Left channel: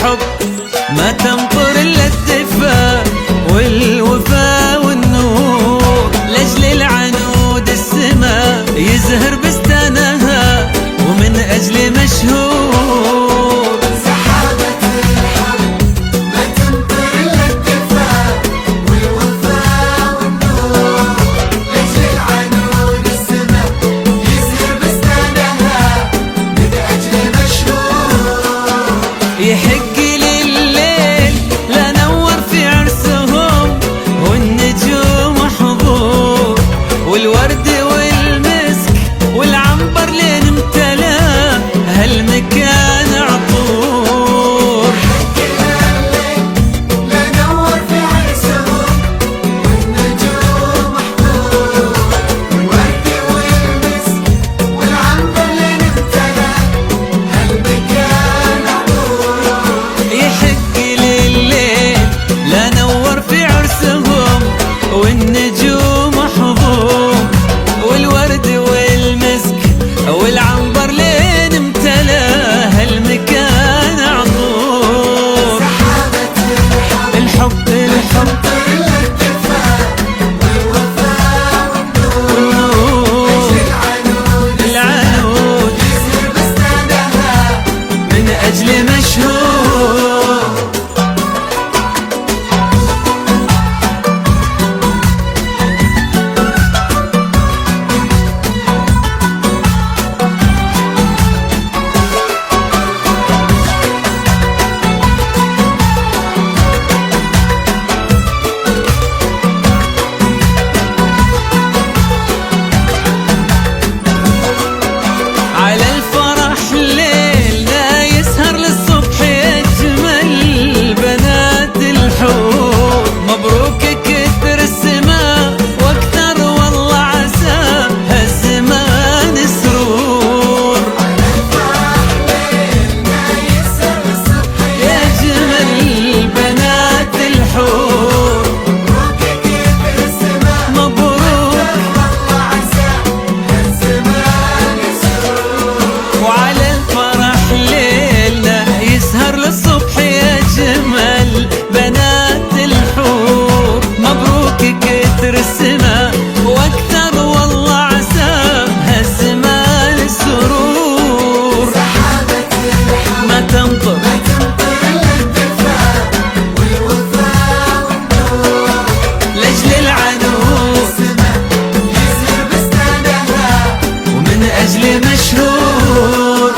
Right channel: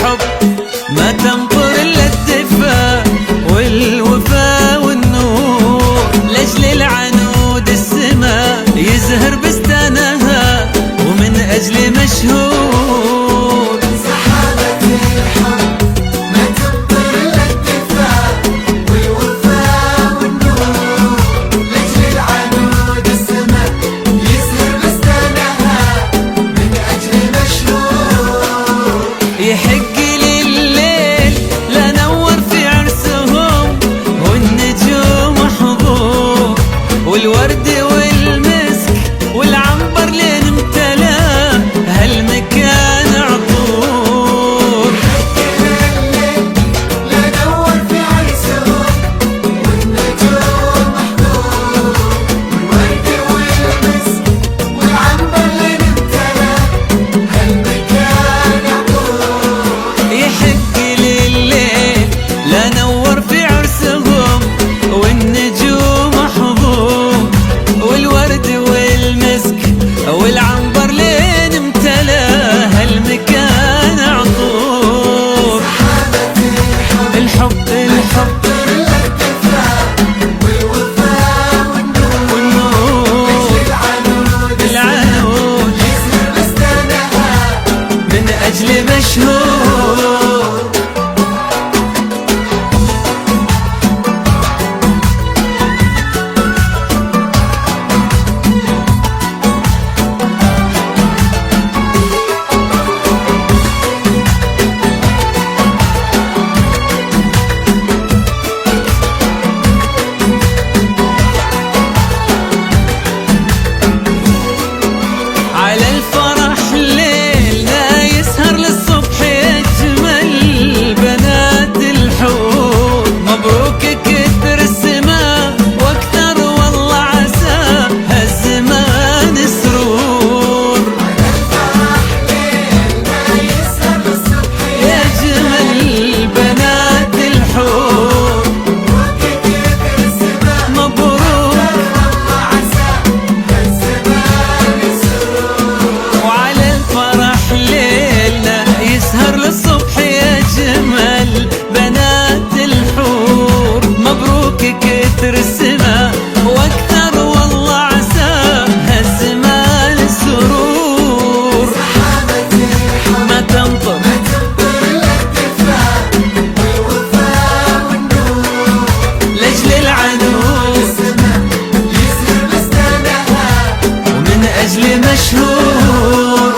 الحب ما تمطر إلا الدفا والوفا والنور، لأجل العنود السما يزهر بستانها ومن أجل مشهور. سحابة الحب ما تمطر إلا الدفا والوفا والنور، لأجل العنود السما يزهر بستانها من أجل مشهور. يحق لليل لا نور في عرسهم والنجوم حضور، والورد والمسك والعنبر لين امتلا هالمكان عطور. لا نور في عرسهم والنجوم محضور، والورد والمسك والعنبر لين امتلا هالمكان عطور. يحق لليل لا نور في عرسهم والنجوم حضور، والورد والمسك والعنبر لين امتلا هالمكان عطور. الحب الحب والنور العنود من أجل مشهور. على الفرح ليلنا يسهر للصبح يجمل بنات الحور، مبروك كثر السما واكثر والله عسى هالزمان سرور. يجمل بنات الحور مبروك، وعلى الفرح ليلنا يسهر للصبح يجمل بنات الحور، مبروك كثر السما واكثر والله عسى هالزمان السرور. ما تمطر لأجل العنود ومن أجل مشهور.